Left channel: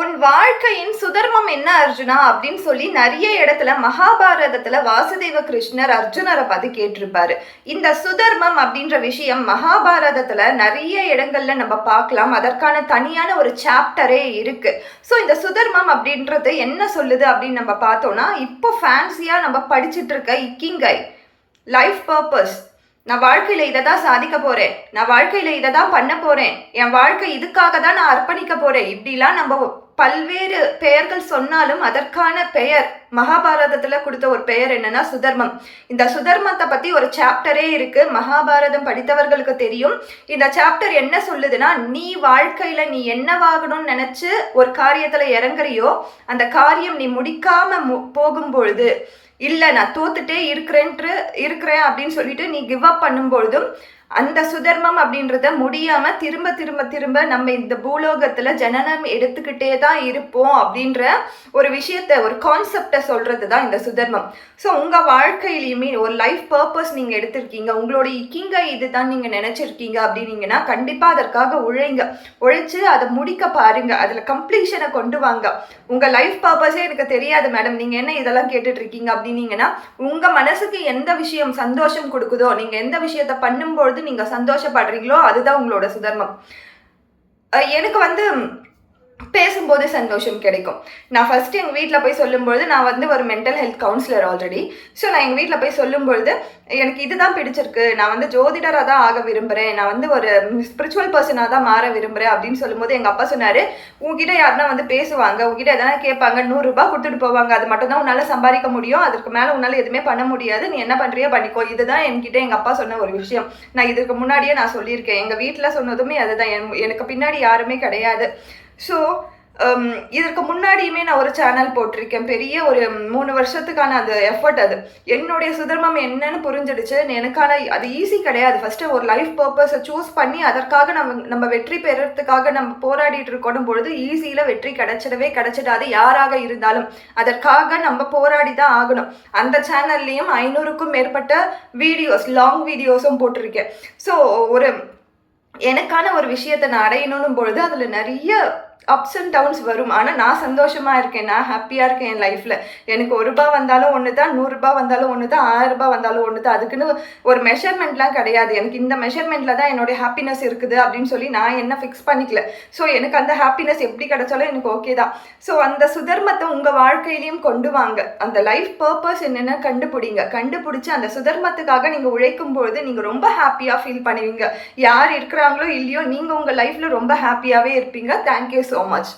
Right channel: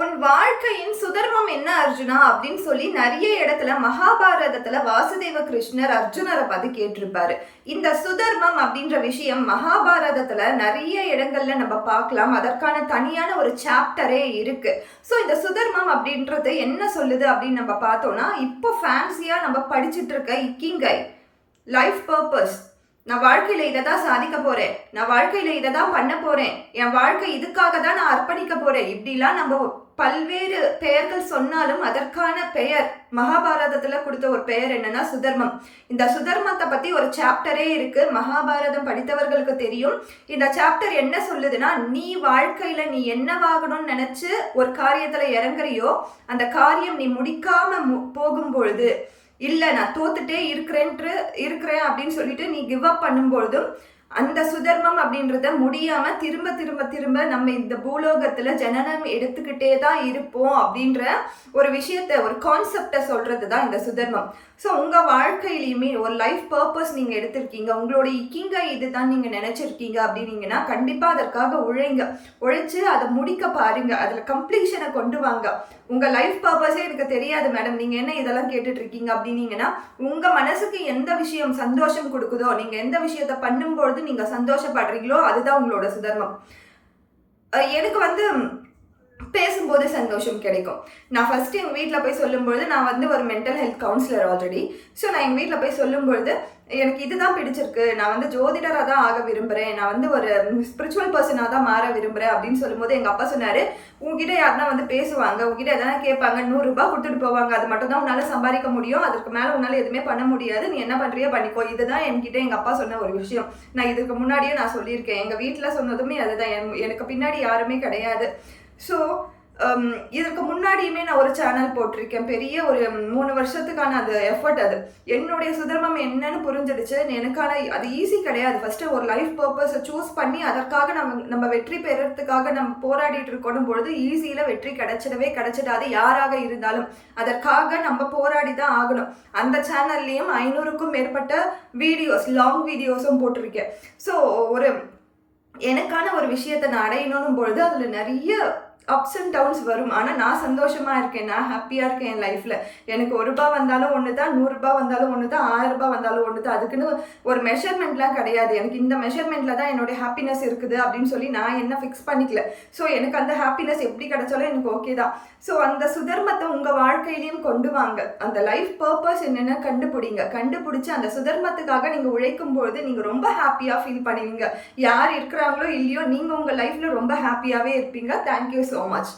உன் வாழ்க்கையின் சுதர்மம் என்ன அர்ஜுனா? அப்படின்னு சொல்லி நிறைய இடத்துல மகாபாரதத்துல வாசுதேவ கிருஷ்ணர் அர்ஜுனரை பார்த்து கேட்டிருப்பாரு. இந்த சுதர்மம் அப்படின்ற விஷயம் மகாபாரதத்துல நிறைய இடங்கள்ல நம்ம பார்க்கலாம். அதற்கான தனியான ஒரு சாப்டரே இருக்கு. ஸோ இந்த சுதர்மம் அப்படின்றது என்ன சொல்லுது அப்படின்னு நம்ம பார்த்தோம்னா இப்போ ஃபேன்சியா நம்ம படிச்சுட்டு இருக்க இக்கிங்கை லைஃப் பர்பஸ் நான் வாழ்க்கையில் இதை தான் சாதிக்க போகிறேன் நான் வாழ்க்கையில் இதை தான் பண்ண போகிறேன் என் வாழ்க்கை இதுக்காக தான் நான் அர்ப்பணிக்க போகிறேன் இப்படிலாம் நம்ம பல்வேறு பெயர்கள் சொன்னாலும் அதற்கான பெயர் மகாபாரதத்தில் கொடுத்த ஒரு பெயர் என்னன்னா சுதர்மம். இந்த சுதர்மத்தை பற்றி ஒரு சாப்டரே இருக்கு. மகாபாரதம் படித்தவர்களுக்கு தெரியும். இந்த சாப்டர் என்ன சொல்லுதுன்னா நீ வாழ்க்கையில் நீ என்னவாகணும்னு நினச்சி ஒரு காரியத்தில் இறங்குறியோ அந்த காரியம் நீ முடிக்காம மு போகும் பொழுது இல்லை நான் தோத்துட்டே இருக்கிறேன்ட்டு இருக்கிறேன் அப்படின்னு சொல்லிட்டு நீ கிவ் அப் பண்ணும்பொழுதும் அந்த சுதர்மம் அப்படின்றத முடியாம திரும்ப திரும்ப திரும்ப நம்ம இந்த பூலோகத்துல ஜனனம் எடுத்துக்கிட்டே தான் இருப்போம் அப்படின்ற ஒரு விஷயத்த ஒரு கான்செப்டை சொல்றது தான் இந்த சுதர்மம். ஸோ உங்க வாழ்க்கையிலையுமே ஒரு லைஃப் பர்பஸ் நீங்க எடுத்திருக்கீங்க. உங்களோட இக்கிங்க இதுதான் நீங்க நினைச்சிருக்கீங்க அப்படின்னீங்கன்னா கண்டிப்பா அதற்காக உழைங்க. உழைச்சு அதை முடிக்க பாருங்க. அதுல கம்ப்ளீஷனை கொண்டு வாங்க. உங்க லைஃப் பர்பஸே எனக்கு தெரியாது மேடம் நீங்க என்ன இதெல்லாம் கேட்டுட்டு இருக்கீங்க அப்படின்னீங்கன்னா உங்க மனசுக்கு எந்த விஷயம் சந்தோஷம் கொடுக்குதோ நீங்க எந்த விஷயத்த பண்ணும்போது பொழுது நீங்க சந்தோஷப்படுறீங்களோ அதுதான் உங்களோட சுதர்மம். எனக்கு வந்து பேசும்போது சந்தோஷம் கிடைக்கும். நான் ஃபஸ்ட்டு எங்கள் வீட்டில் போய் சொல்லும்பொழுது நான் வந்து ஒரு mental health counsellor already so நான் எங்கள் வீட்டில் போய் சொல்லும்பொழுது எனக்கு இதுதான் பிடிச்சிருக்கு. நான் வந்து ஜோதிடராக தான் ஆக விரும்புகிறேன் நான் வந்து ஒரு ஸ்பிரிச்சுவல் பர்சனாக தான் மாற விரும்புகிறேன் அப்படின்னு சொல்லும்போது எங்கள் அப்பா சொன்னார் உங்ககிட்ட யாருன்னா வந்து பேசுவாங்க. உங்ககிட்ட எதனா கேட்பாங்க நூறுரூபா கொடுத்துட்டு போவாங்க. அது மட்டும் தான் உன்னால் சம்பாதிக்க முடியும். அதுக்கு மேலே உன்னால் எதுவுமே பண்ண முடியாது. நீ என்ன பண்ணுறியோ பண்ணிக்கோ. இதுதான் என்கிட்ட எங்கள் அப்பா சொன்ன ஒரு விஷயம். நான் இதுக்கு முன்னாடியே நான் சொல்லியிருக்கேன். எங்கள் வீட்டில் சொன்னதுமே அதுதான். என்- எனக்கு பின்னாடி யாருமே கிடையாது. ஸோ um, இதற்கு முன்னாடியுமே நான் ஒரு சேனல் போட்டிருக்கேன். பெரிய ஒரு மூணு வருஷத்துக்கான அந்த எஃபர்ட் அது. என்னுடைய சுதர்மம் என்னன்னு புரிஞ்சிடுச்சு. எனக்கான அது ஈஸி கிடையாது. ஃபஸ்ட்டு ஒரு லைஃப் பர்பஸை சூஸ் பண்ணி அதற்காக நம்ம நம்ம வெற்றி பெறுறதுக்காக நம்ம போராடிட்டு இருக்கணும் பொழுது ஈஸியில் வெற்றி கிடைச்சிடவே கிடைச்சிடாது. யாராக இருந்தாலும் அதற்காக நம்ம போராடி தான் ஆகணும். அந்த சேனல்லையும் ஐநூறுக்கும் மேற்பட்ட வீடியோஸ் லாங் வீடியோஸும் போட்டிருக்கேன். ஸோ ஒரு எனக்கான ஒரு விஷயத்தை நான் அடையணும் பொழுது அதில் நிறைய அப்ஸ் அண்ட் டவுன்ஸ் வரும். ஆனால் நான் சந்தோஷமாக இருக்கேன். நான் ஹாப்பியாக இருக்கேன் என் லைஃப்பில் எனக்கு ஒரு ரூபா வந்தாலும் ஒன்று தான் நூறுரூபா வந்தாலும் ஒன்று தான் ஆயிரரூபா வந்தாலும் ஒன்று தான் அதுக்குன்னு ஒரு மெஷர்மெண்ட்லாம் கிடையாது. எனக்கு இந்த மெஷர்மெண்ட்டில் தான் என்னுடைய ஹாப்பினஸ் இருக்குது அப்படின்னு சொல்லி நான் என்ன ஃபிக்ஸ் பண்ணிக்கல. ஸோ எனக்கு அந்த ஹாப்பினஸ் எப்படி கிடைச்சாலும் எனக்கு ஓகே தான். ஸோ அந்த சுதர்மத்தை உங்கள் வாழ்க்கையிலையும் கொண்டு வாங்க. அந்த லைஃப் பர்பஸ் என்னென்னு கண்டுபிடிங்க. கண்டுபிடிச்சி அந்த சுதர்மத்துக்காக நீங்கள் உழைக்கும் பொழுது நீங்கள் ரொம்ப ஹாப்பியாக ஃபீல் பண்ணுவீங்க. யார் இருக்கிறாங்களோ இல்லையோ நீங்கள் உங்கள் லைஃப்பில் ரொம்ப ஹாப்பியாகவே இருப்பீங்க. Thank you so much